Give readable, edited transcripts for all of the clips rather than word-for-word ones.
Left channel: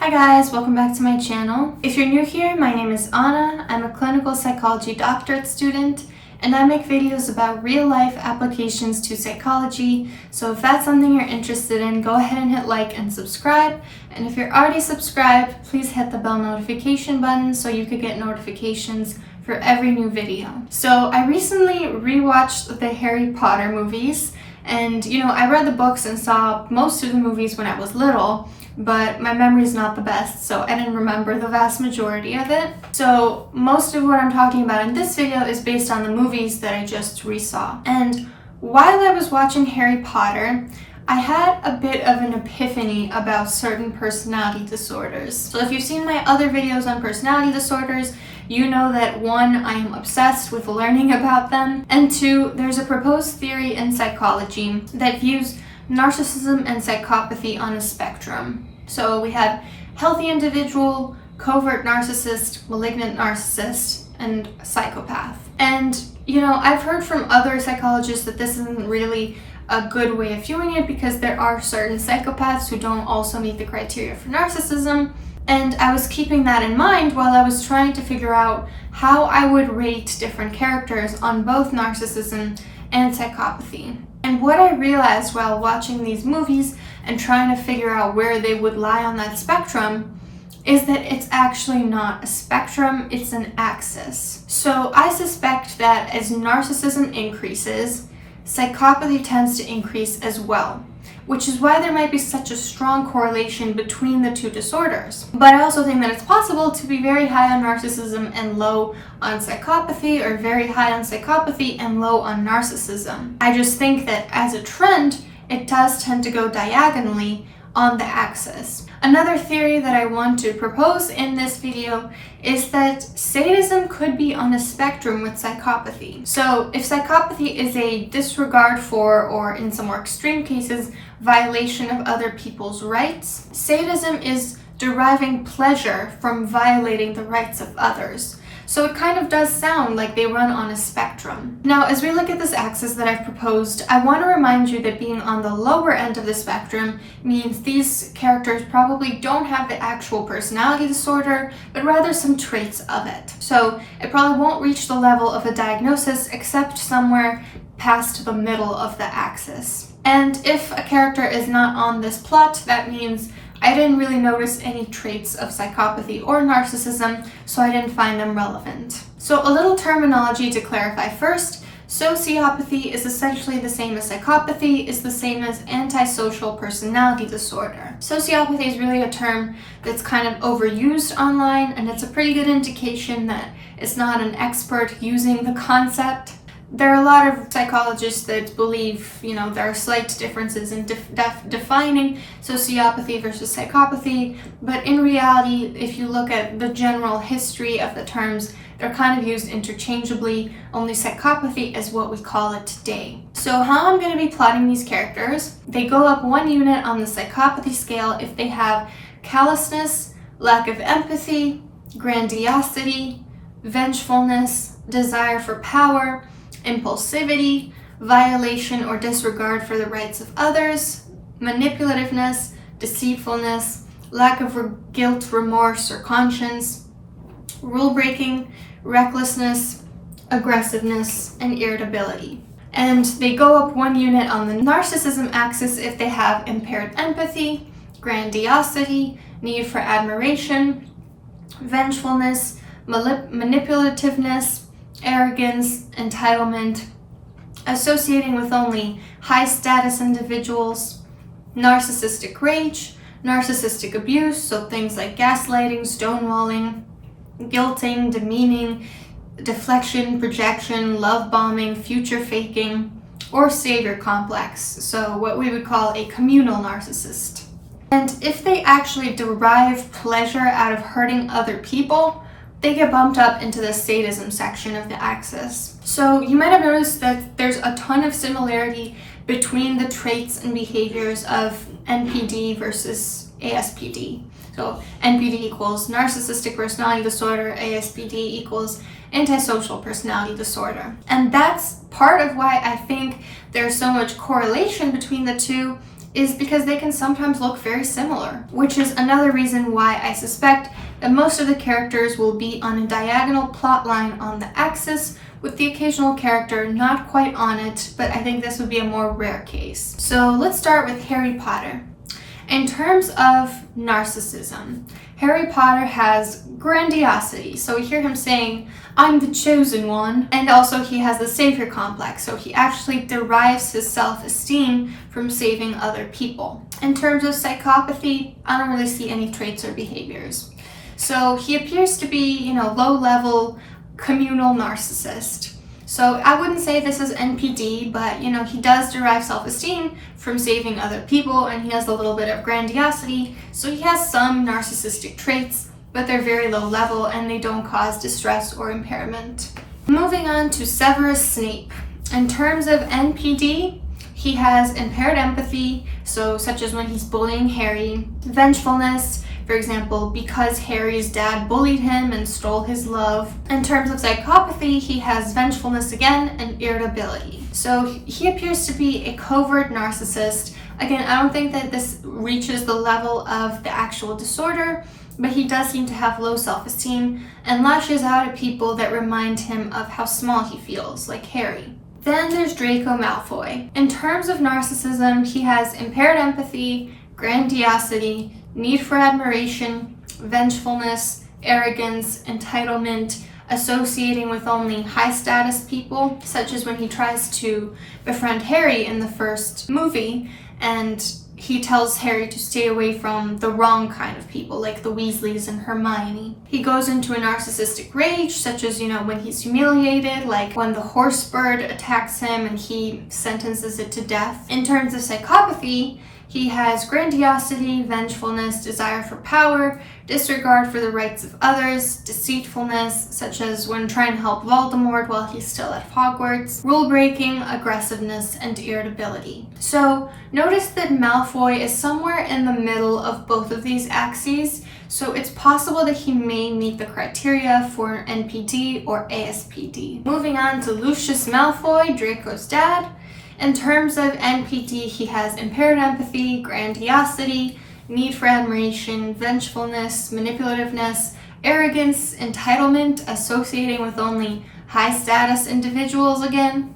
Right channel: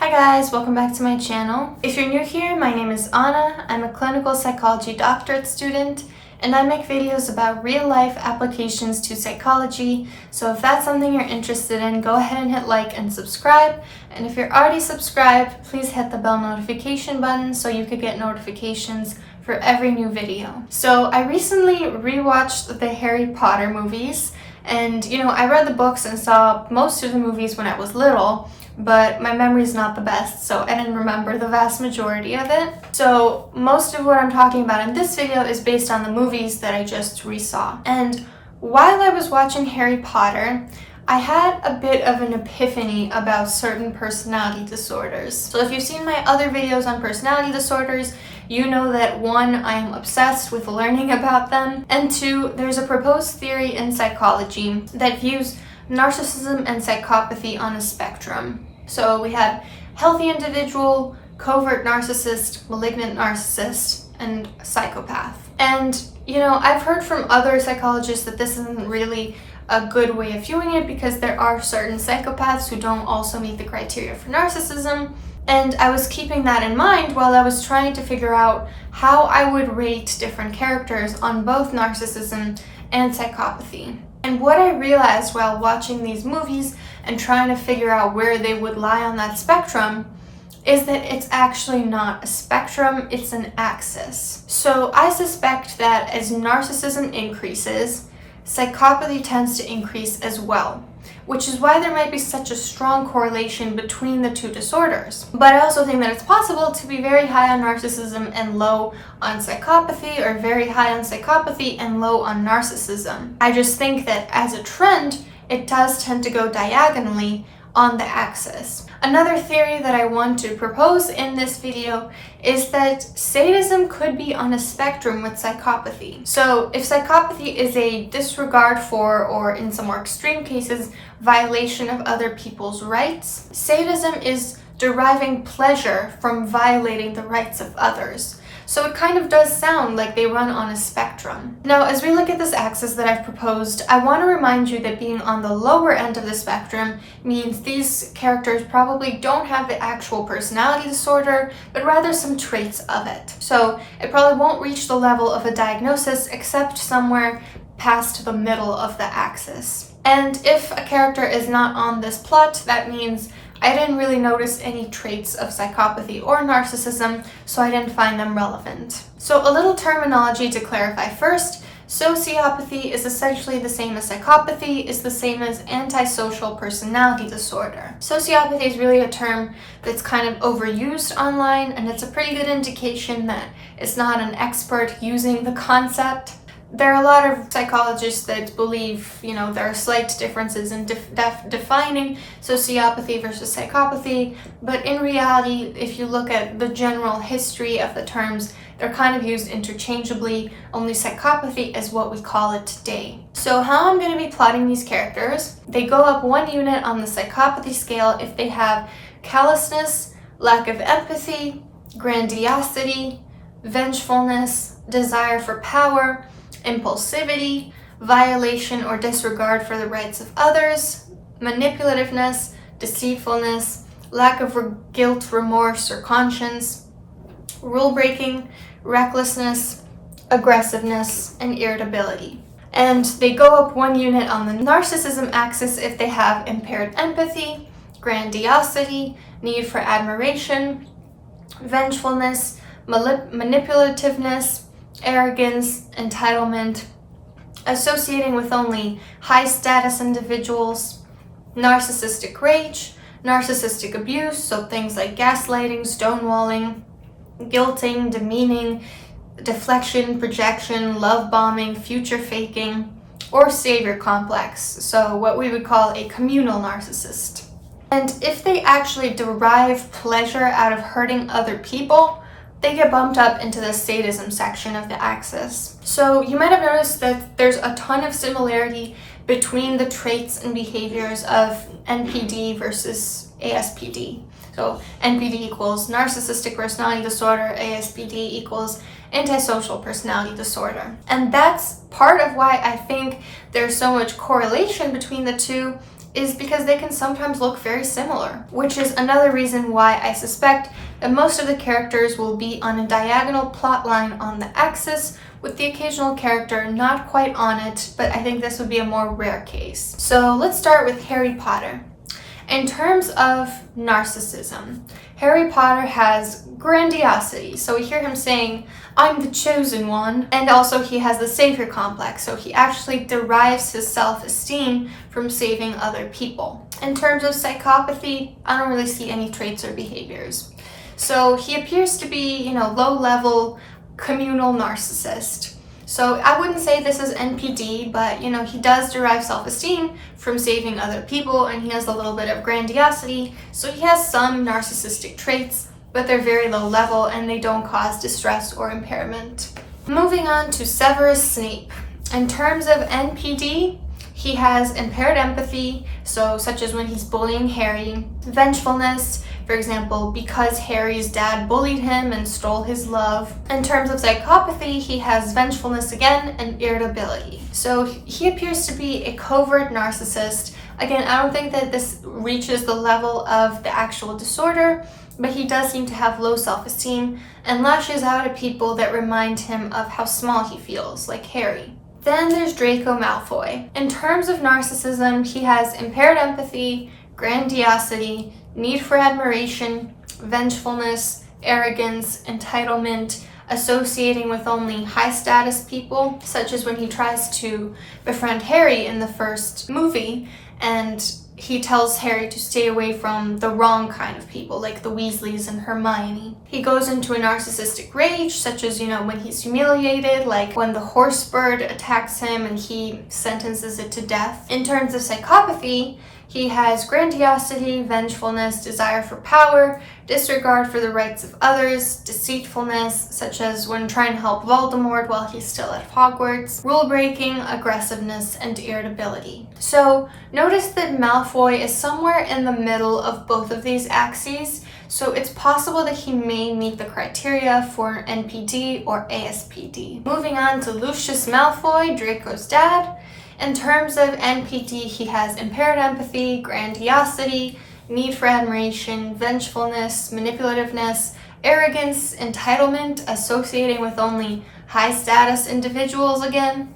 Hi guys, welcome back to my channel. If you're new here, my name is Anna. I'm a clinical psychology doctorate student and I make videos about real-life applications to psychology. So if that's something you're interested in, go ahead and hit like and subscribe. And if you're already subscribed, please hit the bell notification button so you could get notifications for every new video. So I recently rewatched the Harry Potter movies and I read the books and saw most of the movies when I was little, but my memory's not the best, so I didn't remember the vast majority of it. So most of what I'm talking about in this video is based on the movies that I just resaw. And while I was watching Harry Potter, I had a bit of an epiphany about certain personality disorders. So if you've seen my other videos on personality disorders, you know that 1, I am obsessed with learning about them, and 2, there's a proposed theory in psychology that views narcissism and psychopathy on a spectrum. So we have healthy individual, covert narcissist, malignant narcissist, and psychopath. And I've heard from other psychologists that this isn't really a good way of viewing it because there are certain psychopaths who don't also meet the criteria for narcissism. And I was keeping that in mind while I was trying to figure out how I would rate different characters on both narcissism and psychopathy. And what I realized while watching these movies and trying to figure out where they would lie on that spectrum is that it's actually not a spectrum, it's an axis. So I suspect that as narcissism increases, psychopathy tends to increase as well, which is why there might be such a strong correlation between the two disorders. But I also think that it's possible to be very high on narcissism and low on psychopathy, or very high on psychopathy and low on narcissism. I just think that as a trend, it does tend to go diagonally on the axis. Another theory that I want to propose in this video is that sadism could be on a spectrum with psychopathy. So if psychopathy is a disregard for, or in some more extreme cases, violation of other people's rights, sadism is deriving pleasure from violating the rights of others. So it kind of does sound like they run on a spectrum. Now, as we look at this axis that I've proposed, I want to remind you that being on the lower end of the spectrum means these characters probably don't have the actual personality disorder, but rather some traits of it. So it probably won't reach the level of a diagnosis except somewhere past the middle of the axis. And if a character is not on this plot, that means I didn't really notice any traits of psychopathy or narcissism, so I didn't find them relevant. So a little terminology to clarify first. Sociopathy is essentially the same as psychopathy, is the same as antisocial personality disorder. Sociopathy is really a term that's kind of overused online, and it's a pretty good indication that it's not an expert using the concept. There are a lot of psychologists that believe, there are slight differences in defining sociopathy versus psychopathy, but in reality, if you look at the general history of the terms, they're kind of used interchangeably. Only psychopathy is what we call it today. So how I'm going to be plotting these characters, they go up 1 unit on the psychopathy scale if they have callousness, lack of empathy, grandiosity, vengefulness, desire for power, impulsivity, violation or disregard for the rights of others, manipulativeness, deceitfulness, lack of guilt, remorse, or conscience, rule breaking, recklessness, aggressiveness, and irritability. And they go up 1 unit on the narcissism axis if they have impaired empathy, grandiosity, need for admiration, vengefulness, manipulativeness, arrogance, entitlement, associating with only high status individuals, narcissistic rage, narcissistic abuse, so things like gaslighting, stonewalling, guilting, demeaning, deflection, projection, love bombing, future faking, or savior complex, so what we would call a communal narcissist. And if they actually derive pleasure out of hurting other people, they get bumped up into the sadism section of the axis. So you might have noticed that there's a ton of similarity between the traits and behaviors of NPD versus ASPD. So NPD equals narcissistic personality disorder, ASPD equals antisocial personality disorder. And that's part of why I think there's so much correlation between the two, is because they can sometimes look very similar, which is another reason why I suspect that most of the characters will be on a diagonal plot line on the axis, with the occasional character not quite on it, but I think this would be a more rare case. So let's start with Harry Potter. In terms of narcissism, Harry Potter has grandiosity. So we hear him saying, "I'm the chosen one." And also he has the savior complex. So he actually derives his self-esteem from saving other people. In terms of psychopathy, I don't really see any traits or behaviors. So he appears to be, low-level communal narcissist. So I wouldn't say this is NPD, but he does derive self-esteem from saving other people, and he has a little bit of grandiosity. So he has some narcissistic traits, but they're very low level and they don't cause distress or impairment. Moving on to Severus Snape. In terms of NPD, he has impaired empathy, such as when he's bullying Harry, vengefulness, for example, because Harry's dad bullied him and stole his love. In terms of psychopathy, he has vengefulness again and irritability. So he appears to be a covert narcissist. Again, I don't think that this reaches the level of the actual disorder, but he does seem to have low self-esteem and lashes out at people that remind him of how small he feels, like Harry. Then there's Draco Malfoy. In terms of narcissism, he has impaired empathy, grandiosity, need for admiration, vengefulness, arrogance, entitlement, associating with only high-status people, such as when he tries to befriend Harry in the first movie, and he tells Harry to stay away from the wrong kind of people, like the Weasleys and Hermione. He goes into a narcissistic rage, such as, when he's humiliated, like when the horse bird attacks him and he sentences it to death. In terms of psychopathy, he has grandiosity, vengefulness, desire for power, disregard for the rights of others, deceitfulness, such as when trying to help Voldemort while he's still at Hogwarts, rule-breaking, aggressiveness, and irritability. So notice that Malfoy is somewhere in the middle of both of these axes, so it's possible that he may meet the criteria for NPD or ASPD. Moving on to Lucius Malfoy, Draco's dad. In terms of NPD, he has impaired empathy, grandiosity, need for admiration, vengefulness, manipulativeness, arrogance, entitlement, associating with only high-status individuals again,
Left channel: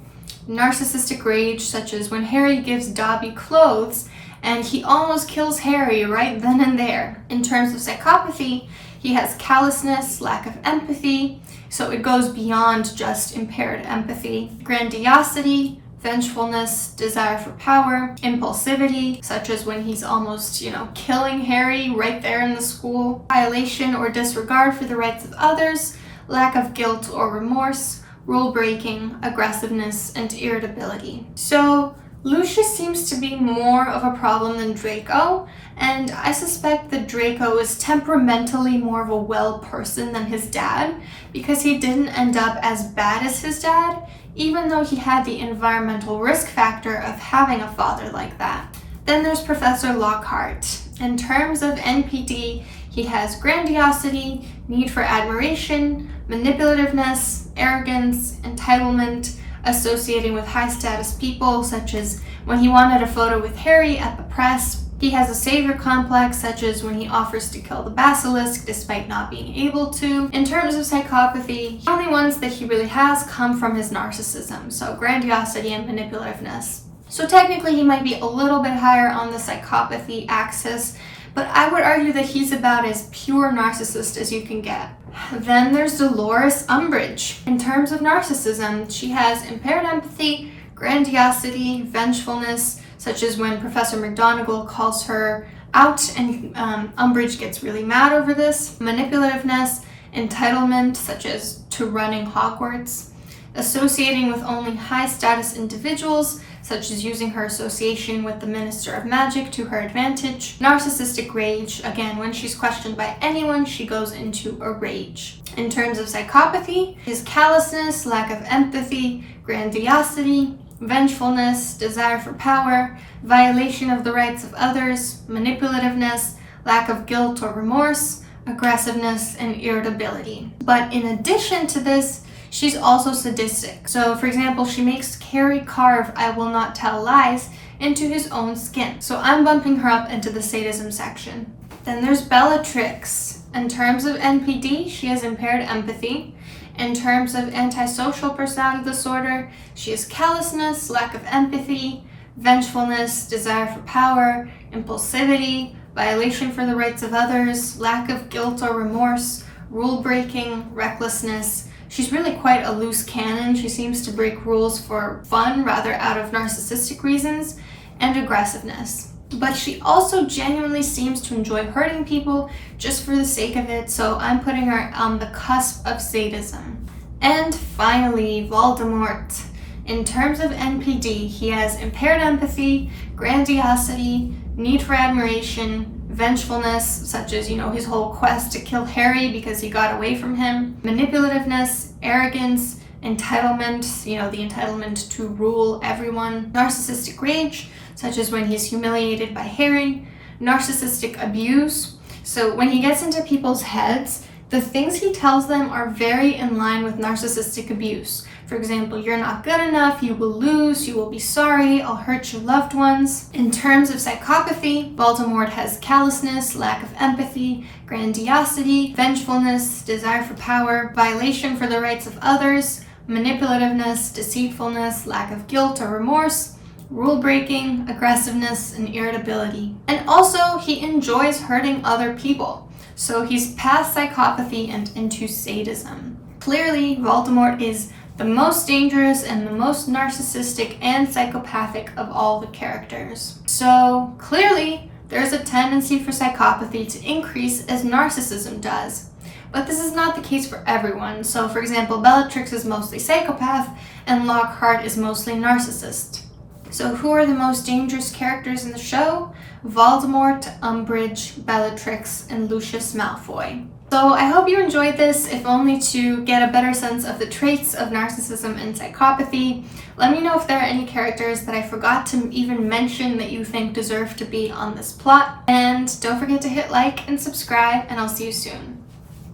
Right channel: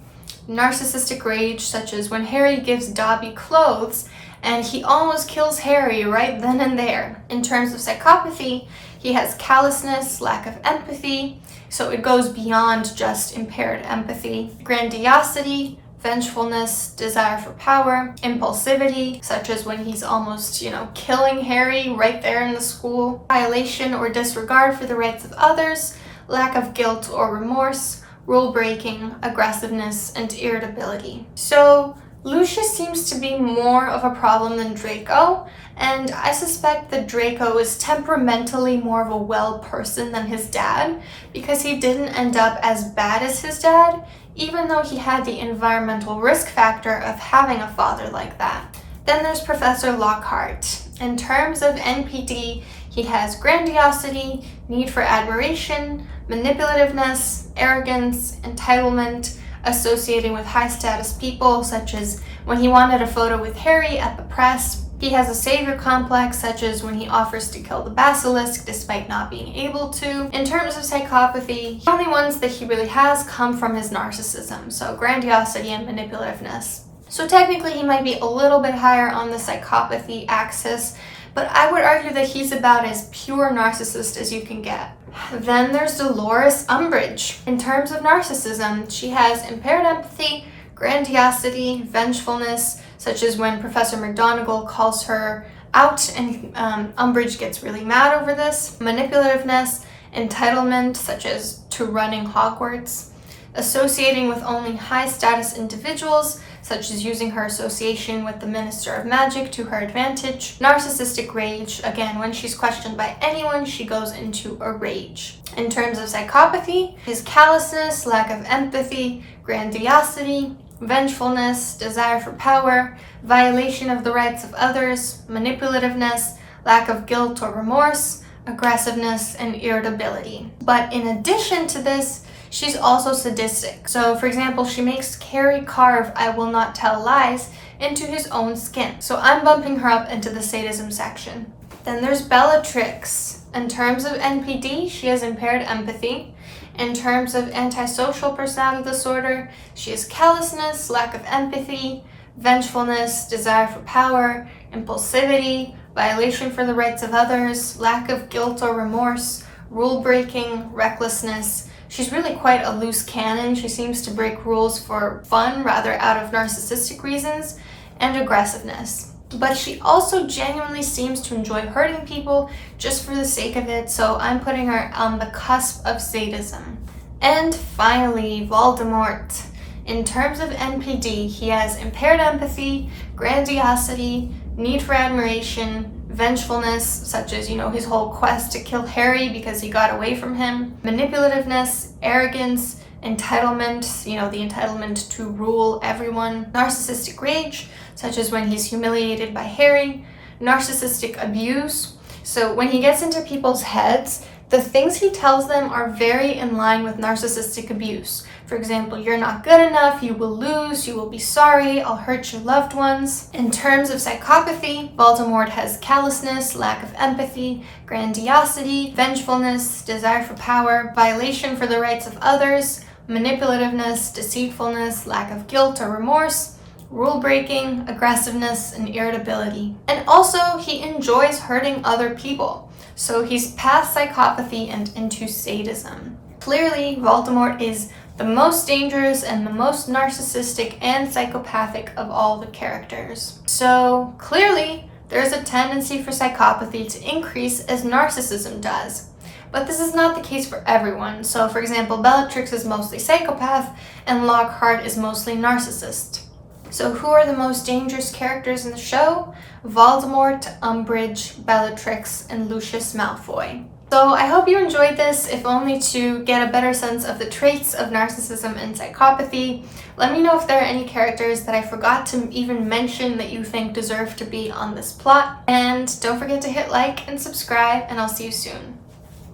narcissistic rage, such as when Harry gives Dobby clothes and he almost kills Harry right then and there. In terms of psychopathy, he has callousness, lack of empathy, so it goes beyond just impaired empathy, grandiosity, vengefulness, desire for power, impulsivity, such as when he's almost, killing Harry right there in the school, violation or disregard for the rights of others, lack of guilt or remorse, rule breaking, aggressiveness, and irritability. So Lucius seems to be more of a problem than Draco, and I suspect that Draco is temperamentally more of a well person than his dad, because he didn't end up as bad as his dad, even though he had the environmental risk factor of having a father like that. Then there's Professor Lockhart. In terms of NPD, he has grandiosity, need for admiration, manipulativeness, arrogance, entitlement, associating with high-status people, such as when he wanted a photo with Harry at the press. He has a savior complex, such as when he offers to kill the basilisk despite not being able to. In terms of psychopathy, the only ones that he really has come from his narcissism, so grandiosity and manipulativeness. So technically he might be a little bit higher on the psychopathy axis, but I would argue that he's about as pure narcissist as you can get. Then there's Dolores Umbridge. In terms of narcissism, she has impaired empathy, grandiosity, vengefulness, such as when Professor McGonagall calls her out and Umbridge gets really mad over this, manipulativeness, entitlement, such as to running Hogwarts, associating with only high-status individuals, such as using her association with the Minister of Magic to her advantage, narcissistic rage, again, when she's questioned by anyone, she goes into a rage. In terms of psychopathy, his callousness, lack of empathy, grandiosity, vengefulness, desire for power, violation of the rights of others, manipulativeness, lack of guilt or remorse, aggressiveness, and irritability. But in addition to this, she's also sadistic. So, for example, she makes Harry carve "I will not tell lies" into his own skin. So I'm bumping her up into the sadism section. Then there's Bellatrix. In terms of NPD, she has impaired empathy. In terms of antisocial personality disorder, she has callousness, lack of empathy, vengefulness, desire for power, impulsivity, violation for the rights of others, lack of guilt or remorse, rule breaking, recklessness. She's really quite a loose cannon. She seems to break rules for fun rather out of narcissistic reasons, and aggressiveness. But she also genuinely seems to enjoy hurting people just for the sake of it, so I'm putting her on the cusp of sadism. And finally, Voldemort. In terms of NPD, he has impaired empathy, grandiosity, need for admiration, vengefulness, such as, his whole quest to kill Harry because he got away from him, manipulativeness, arrogance, entitlement, the entitlement to rule everyone, narcissistic rage, such as when he's humiliated by Harry, narcissistic abuse. So when he gets into people's heads, the things he tells them are very in line with narcissistic abuse. For example, you're not good enough, you will lose, you will be sorry, I'll hurt your loved ones. In terms of psychopathy, Voldemort has callousness, lack of empathy, grandiosity, vengefulness, desire for power, violation for the rights of others, manipulativeness, deceitfulness, lack of guilt or remorse, rule breaking, aggressiveness, and irritability. And also, he enjoys hurting other people. So he's past psychopathy and into sadism. Clearly, Voldemort is the most dangerous and the most narcissistic and psychopathic of all the characters. So clearly, there's a tendency for psychopathy to increase as narcissism does. But this is not the case for everyone. So for example, Bellatrix is mostly psychopath and Lockhart is mostly narcissist. So who are the most dangerous characters in the show? Voldemort, Umbridge, Bellatrix, and Lucius Malfoy. So I hope you enjoyed this, if only to get a better sense of the traits of narcissism and psychopathy. Let me know if there are any characters that I forgot to even mention that you think deserve to be on this plot. And don't forget to hit like and subscribe, and I'll see you soon.